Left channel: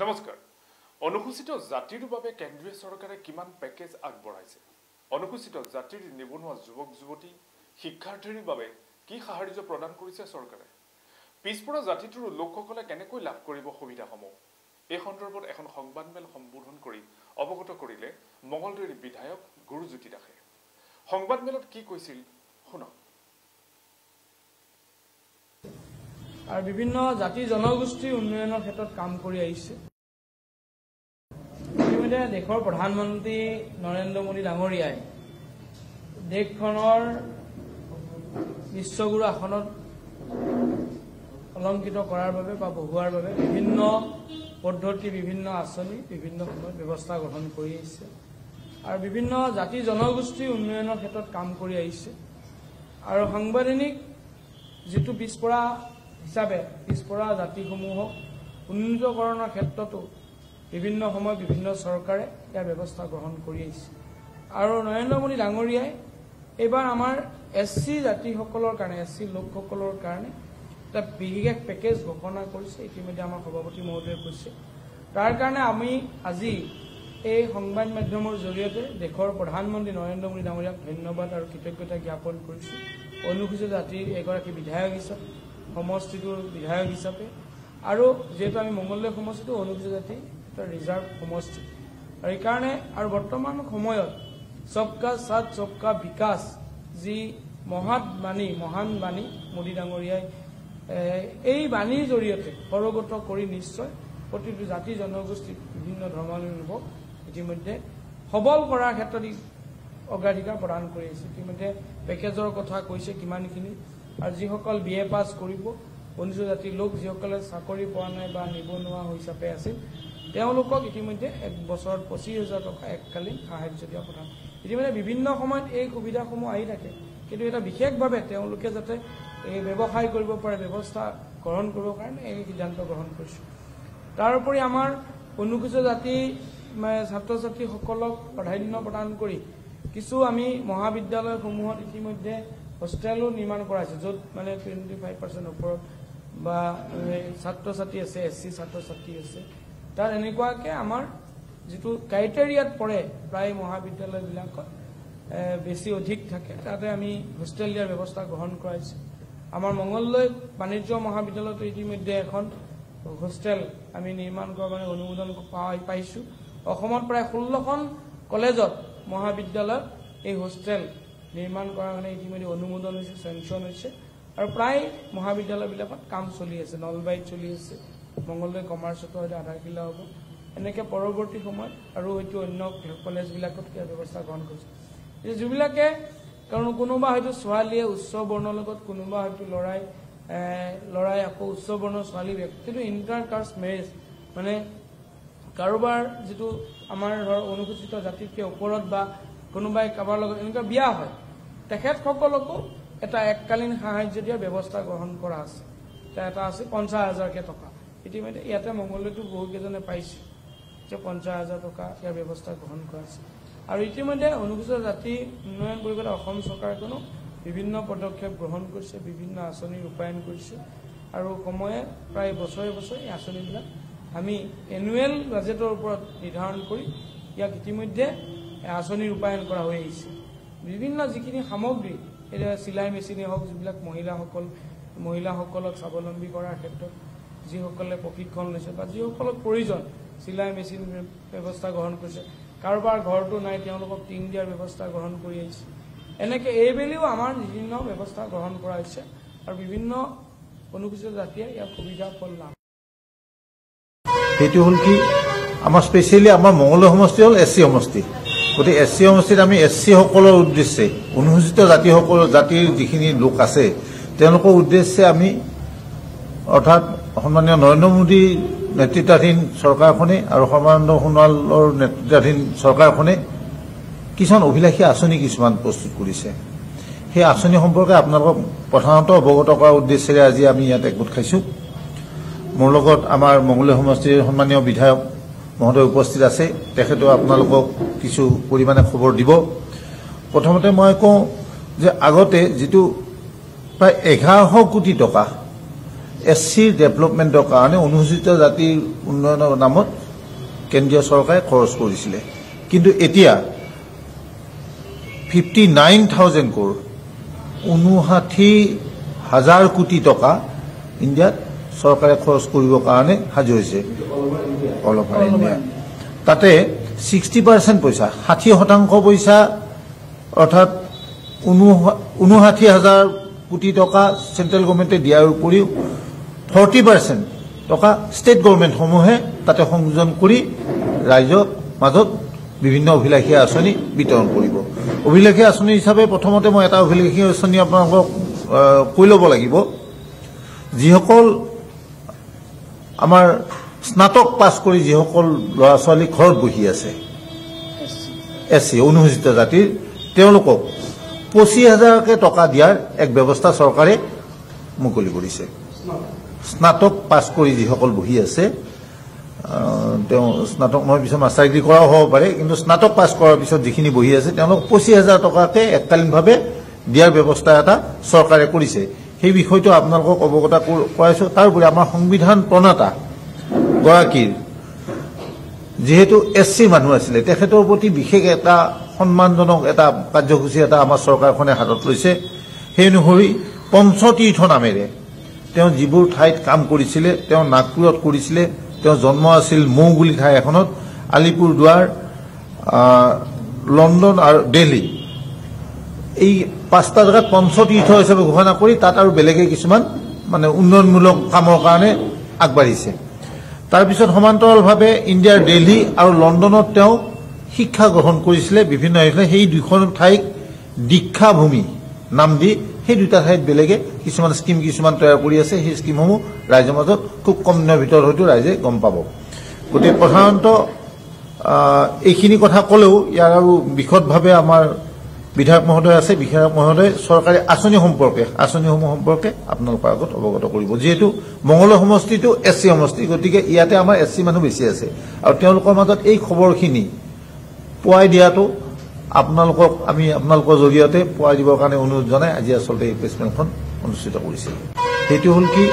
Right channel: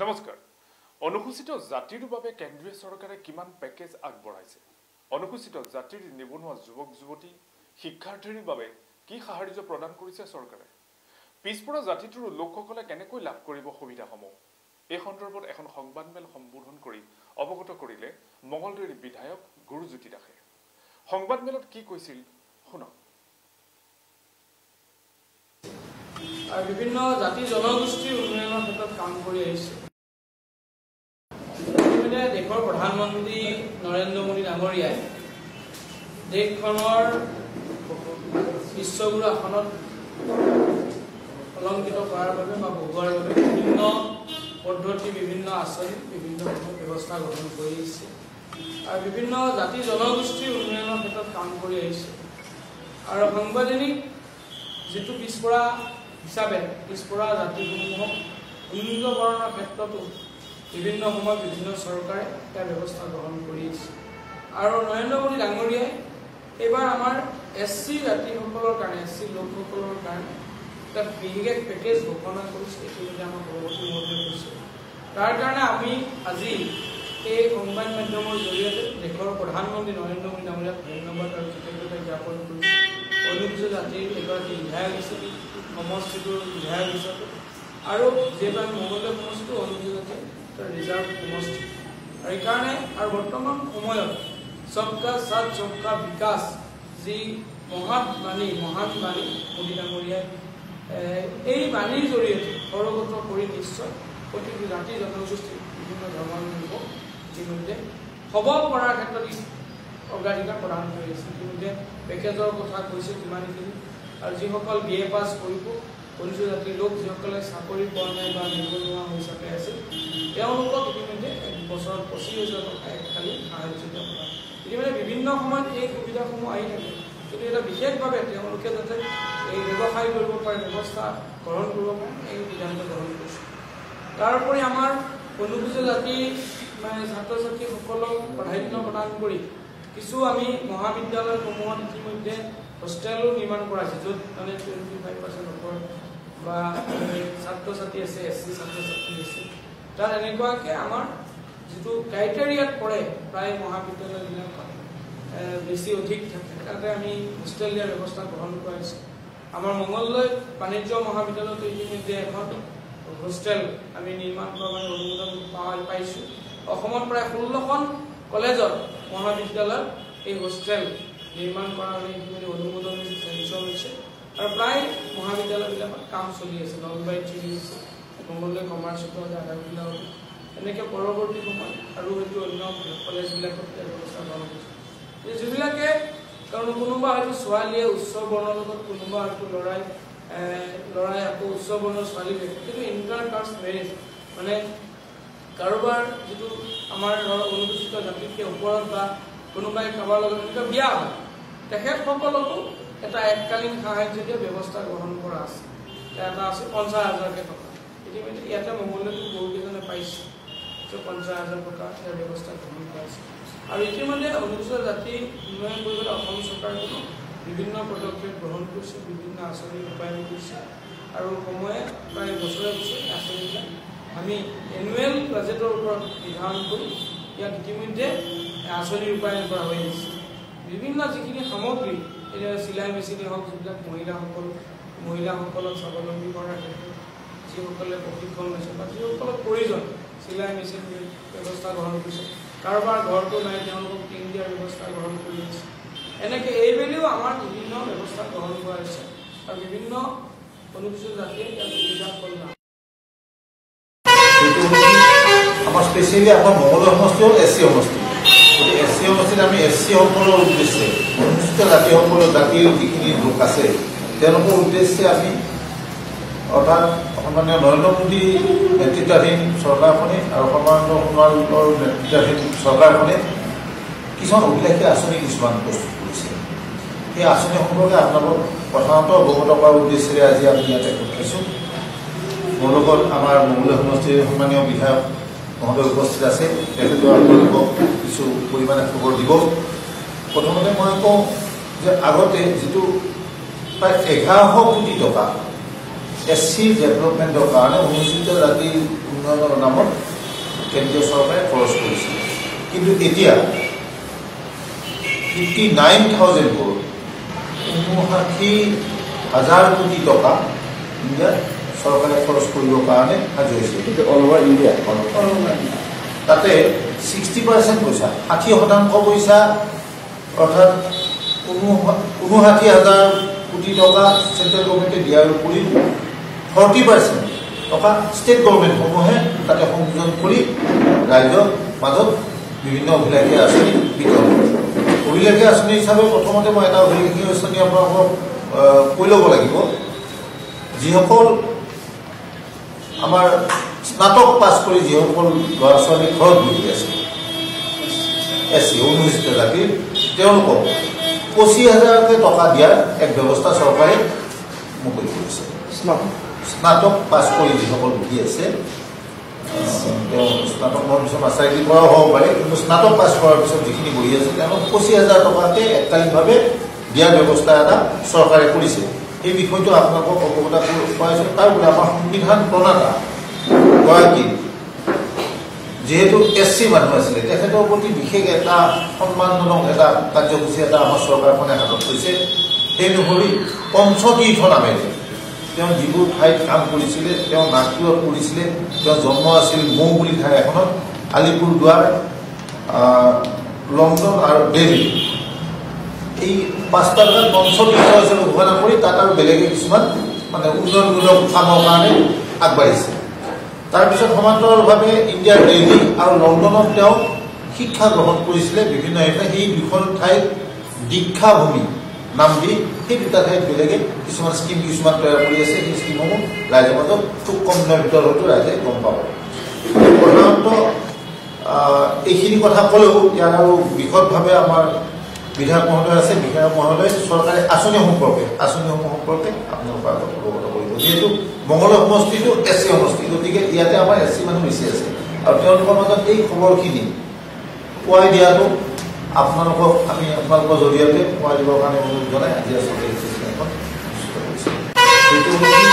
নমস্কাৰ। অনুসূচিত জাতিৰ বাবে কেন্দ্ৰীয় চৰকাৰে কিমান পেকেজ আগবঢ়াইছে? অনুসূচিত জাতিৰ নিবনুৱা যুৱক যুৱতী শিক্ষাৰ্থীৰ বাবে কি সাহায্য প্ৰদান কৰিছে চৰকাৰে? পিছপৰা জাতিটোৰ লোকসকলে কেনেকৈ লাভ কৰিব সুবিধাসমূহ? এই সন্দৰ্ভত এখন সংবাদমেল সম্বোধন কৰি অৱগত কৰিলে মঙলদৈৰ বিধায়ক গুৰুজ্যোতি দাসে। সংবাদমেলত কি কৈছিল শুনক। বিভিন্ন জাতি জনগোষ্ঠীৰ উন্নয়নৰ ক্ষেত্ৰত কাম কৰি আহিছে। দেশৰ প্ৰধানমন্ত্ৰী নৰেন্দ্ৰ মোদী ডাঙৰীয়াই দেশখনৰ বিশ্বগুৰু আসনত অলংকৃত কৰাৰ বাবে বা বহুৱাৰ বাবে বিভিন্ন পদ্ধতি, বিভিন্ন আঁচনি, বিভিন্ন ব্যৱস্থা গ্ৰহণ কৰি আহিছে আৰু বিভিন্ন জাতি জনগোষ্ঠীৰ উন্নয়নৰ ক্ষেত্ৰত কাম কৰি আহিছে। আৰু সাংবিধানিক যিটো পিছপৰা হিচাপে পিছপৰা জাতিসমূহক উন্নীতকৰণৰ ক্ষেত্ৰতো বিভিন্ন সময়ত বিভিন্ন চৰকাৰে ইয়াৰ ব্যৱস্থা গ্ৰহণ কৰি আহিছে। আৰু নৰেন্দ্ৰ মোদী ডাঙৰীয়াই এইবাৰ আমাৰ SC জাতিসকলৰ কাৰণে, SC লোকসকলৰ কাৰণে এটা বিশেষ পেকেজ ঘোষণা কৰিছে। ইতিমধ্যে আমাৰ সভাপতি মহোদয়ে কৈছে। তাৰ কাৰণে আমি আজি এই সংবাদ মাধ্যমৰ জৰিয়তে দেশৰ প্ৰধানমন্ত্ৰী নৰেন্দ্ৰ মোদী ডাঙৰীয়াক ধন্যবাদ আৰু কৃতজ্ঞতা জ্ঞাপন কৰিছোঁ। অনুসূচিত জাতিৰ এগৰাকী বিধায়ক হিচাপে, সমষ্টিটোৰ বিধায়ক হিচাপে, আৰু যিহেতু আমি মঙলদৈ সমষ্টিটো অনুসূচিত জাতিৰ ৰিজাৰ্ভ সমষ্টি, আৰু এইকাৰণে আৰু বৰ্তমান সময়ত সবকা সাথ সবকা বিকাশ যি মহান বাণী মোদী ডাঙৰীয়াই এই বাণীৰ জৰিয়তে সৰগত কৰি নিশ্চয় প্ৰতিটো জাতি জনগোষ্ঠীৰ বিভিন্ন ধৰণৰ লোকক ইতিমধ্যে সবল কৰাৰ ক্ষেত্ৰত অগ্ৰাধিকাৰ প্ৰদান কৰি আছে। ইতিমধ্যে পেকেজৰ কথা কৈছে কিমানখিনি, আৰু যিসকল BA পাছ কৰিব, অনুসূচিত জাতিৰ লোক যিসকলে চাকৰি পোৱা নাই বা নিবনুৱা হিচাপে আছে, তেওঁলোকক ইতিমধ্যে এক বছৰত 25,000 টকা এককালীন সাহায্য দিয়া হয়। ইতিমধ্যে বিভিন্ন সময়ত এই সুবিধাসমূহ আহি থাকে, কিন্তু এটা বিশেষভাৱে তেওঁলোকে যাতে এই ব্যৱসায় কৰিব পাৰে, ব্যৱস্থা গ্ৰহণ কৰিব পাৰে, এই সিদ্ধান্ত গ্ৰহণ কৰিছে। তাৰোপৰি আমাৰ অনুসূচিত জাতিৰ ছাত্ৰ ছাত্ৰীসকলক প্ৰাধান্য প্ৰদান কৰি কিছু আমি মহাবিদ্যালয়সমূহত ইতিমধ্যে হোষ্টেলো নিৰ্মাণ কৰাইছে, য'ত 25% ওপৰত বা ছাত্ৰ ছাত্ৰী আছে, SC ছাত্ৰ ছাত্ৰী আছে। তাত এনেকুৱাকৈ আমাৰ যিটো ক্ৰাইটেৰিয়াত পৰে প্ৰায় মহাবিদ্যালয়বিলাকত বেছি অধিক থাকে, তাতে আমি হোষ্টেল দিয়াৰ ব্যৱস্থা গ্ৰহণ কৰাইছোঁ। আমাৰ মঙলদৈ বাণিজ্য মহাবিদ্যালয়তো ইতিমধ্যে এখন হোষ্টেল আমি নিৰ্মাণ কৰাৰ কাৰণে অনুমোদন পাইছোঁ। অসমত প্ৰায় 16খন কলেজত মহাবিদ্যালয়ত এই হোষ্টেল নিৰ্মাণ কৰাৰ কাৰণে ইতিমধ্যে অনুমোদন হৈছে, চেংচন হৈছে, আৰু প্ৰায় মহাবিদ্যালয়বিলাকত কাম চলি আছে। নলবাৰীত চলি আছে, মঙলদৈ কমাৰ্চতো আধাখিলা হ'ব, এনেকৈ পৰৱৰ্তী সময়ত আৰু হয়তো অন্য কলেজবিলাকত এই ব্যৱস্থা গ্ৰহণ কৰিছে। যিবিলাকে কাৰণ কোনোবা হয়তো ছোৱালীয়ে উচ্চ বৰ্ণৰ লগত, কোনোবা হয়তো ল'ৰাই আকৌ উচ্চ বৰ্ণৰ ছোৱালী, কিন্তু ইণ্টাৰ কাষ্ট মেৰেজ মানে কাৰোবাৰ যিটো আমাৰ অনুসূচিত জাতিতকৈ ওপৰত বা কোনোবাই কাৰোবাৰ লগত এনেকুৱা বিয়া হয়, তেখেতসকলকো এটা এককালীন সাহায্য দিয়া ব্যৱস্থা গ্ৰহণ কৰা আছে। এটা আছে 50,000 টকা। ইতিমধ্যে ইয়াতে মঙলদৈতো বহুকেইজনে পাইছে, 50,000 টকা ইয়াৰ ব্যৱস্থা গ্ৰহণ কৰা আছে। আৰু ইতিমধ্যে অনুসূচিত জাতি উন্নয়ন পৰিষদে অসম চৰকাৰখনো বিভিন্ন পদক্ষেপ গ্ৰহণ কৰিছে, বিভিন্ন আঁচনি ৰূপায়ণ কৰিছে, আৰু সময়ে প্ৰায় বছৰে আঁচনিবিলাক আমি এনুৱেল বাজেটৰ ওপৰত নিৰ্ধাৰণ কৰি ইয়াত ইতিমধ্যে আঁচনি ৰূপায়ণ কৰা হৈ আহিছে। বিভিন্ন যিখিনি সামগ্ৰী, এতিয়া চিলাই মেচিনেই হওক, যিবিলাক মহিলাসকলক স্বাৱলম্বী কৰাৰ ক্ষেত্ৰত যিসকলে প্ৰশিক্ষণ লৈছে বা যিসকলক প্ৰয়োজন চিলাই মেচিন ব্যৱস্থা গ্ৰহণ কৰিছে, কাৰোবাৰ ঘৰটো নাই তেওঁলোকক টিন দিয়াৰ ব্যৱস্থা গ্ৰহণ কৰি আহিছে। এনেকৈ এইবেলিও আমাৰ বিভিন্ন ব্যৱস্থা গ্ৰহণ কৰা হৈছে, আৰু বিভিন্ন অনুসূচিত জাতিয়ে ইয়াত সুবিধা ফল নাম। সেইটো হ'ল কি, আমাৰ স্পেচিয়েলি আমাৰ মঙলদৈ সমষ্টি হ'ল SC সমষ্টি। গতিকে SC সমষ্টিত আমি SC সকলৰ উদ্দেশ্যে, অনুসূচিত জাতিৰ যিখিনি লোক আছে তেওঁলোকৰ উদ্দেশ্যে আমি অৰ্থাৎ সন্মানীয় নৰেন্দ্ৰ মোদী নেতৃত্বাধীন চৰকাৰখনে আৰু সৰ্বানন্দ সোণোৱালৰ নেতৃত্বাধীন চৰকাৰখনে কিছুমান অভিলাষী আঁচনি কিছুমান প্ৰস্তুত কৰিছে। সেই আঁচনি সম্পৰ্কে আপোনালোকক প্ৰধানতঃ অৱগত কৰাৰ উদ্দেশ্যেৰে আজি আমি ইয়াত একগোট খাইছোঁ। মোৰ লগত আমাৰ মঙলদৈ সমষ্টিৰ সন্মানীয় বিধায়ক মহোদয় উপস্থিত আছে, তেখেতেও আপোনালোকক কিছু পৰিমাণে খবৰ দিব। প্ৰথমতে মই কওঁ যে আগতে যিটো প্ৰায় 1100 কোটি টকা SC ডেভেলপমেণ্টৰ কাৰণে অনুসূচিত জাতিৰ উন্নয়নৰ নামত কেন্দ্ৰীয় চৰকাৰে খৰচ কৰিছিলে কিন্তু এতিয়া 59,000 crore 59,000 কোটি টকা ইণ্ডিয়াত চৰকাৰে খৰচ কৰিবৰ কাৰণে সাজু হৈছে তাতে 60% পইচা 60% পইচা অৰ্থাৎ 59,000 কোটি টকা চেন্ট্ৰেল গভৰ্ণমেণ্টে দিয়াৰ উপৰিও 40% টকা ষ্টেট গভৰ্ণমেণ্টসমূহে তাতে সংযোজন কৰি ৰাজ্যৰ মাজত বিভিন্ন অভিলাষী আঁচনি বিতৰণ কৰে অভিলাষী আঁচনি হিচাপে প্ৰথমতে মই এটা অভিলাষী আঁচনি আপোনালোকক কৈ ল'ব লাগিব যিসকল আমাৰ স্নাতক পাছ কৰি যিসকল ল'ৰা ছোৱালী ঘৰত বহি আছে SC অনুসূচিত জাতিৰ তেওঁলোকক 25,000 টকা দিয়াৰ এক ব্যৱস্থা চৰকাৰে মুকলি কৰিছে স্নাতক পাছ কৰি যিসকল বহি আছে তেওঁ স্নাতক হোৱাৰ পিছত মাষ্টাৰ ডিগ্ৰী কৰাও হ'ব পাৰে কিন্তু স্নাতক পাছ কৰাৰ পিছত যিখিনি বহি আছে তেওঁলোক 25,000 টকাতে এককালীনভাৱে দিয়াৰ ব্যৱস্থা এটা চৰকাৰে কৰিছে সেই বিষয়টো আপোনালোকক অৱগত কৰাইছো তাৰোপৰি আমাৰ সংবিধান প্ৰণেতা গৰাকীৰ যেহেতু SC মানুহ আছিলে তেখেতৰ প্ৰতি বিশেষ এটা সন্মানজনক এটা কাৰ্যসূচী এটা আমাৰ চৰকাৰখনে হাতত লৈছে সেই অনুসৰি পঞ্চতীৰ্থ নামেৰে তেওঁ যিবোৰ ঠাইত কাম কৰিছিলে তেওঁ নাগপুৰত কৰিছিলে তেওঁ জন্ম আছিল মৌ বুলি ঠাই এখনত আলিপুৰদুৱাৰ লণ্ডন আৰু দিল্লী এই 5টা জেগাত পঞ্চতীৰ্থ হিচাপে ঘোষণা কৰি তাত আৰু বেলেগে কিছুমান মানে উন্নয়নমূলক কামৰ কাৰণে আগবাঢ়িছে তাৰপিছত সমান্তৰালভাৱে ইণ্ডিয়াৰ দিল্লী আৰু লণ্ডনত তেওঁ শিক্ষা গ্ৰহণ কৰিছিলে বিভিন্ন সেই দুখন ঠাইত দীক্ষাভূমি নাম দি সেই দুটা ঠাইত বেলেগে কিছুমান স্কিম কিছুমান তৈয়াৰ কৰি আছে সেই স্কিমসমূহ ৰাইজৰ মাজত খুব কম দিনৰ ভিতৰত হয়তো ৰাইজে গম পাব গতিকে প্ৰধানতঃ এইখিনি কথা ক'লেও ইয়াৰ আৰু বিশদভাৱে আমাৰ বিধায়ক মহোদয় আছে বিধায়ক মহোদয় চৰকাৰে আঁচনিসমূহ সম্পৰ্কে আপোনালোকৰ আগত অৱগত কৰিব যিহেতু মঙলদৈ সমষ্টিটো SC সমষ্টি গতিকে ইয়াতে আমাৰ SC মানুহ বেছি আছে আৰু তেওঁলোকৰ মাজত এই খবৰখিনি পোৱাই দিয়াটো আপোনালোকক আমি আপোনালোকৰ জৰিয়তে পোৱাই দিবৰ কাৰণে অনুৰোধ জনাই আজি আচলতে এই প্ৰেছ কনফাৰেন্স অনুষ্ঠিত কৰিছোঁ সেইটো হ'ল কি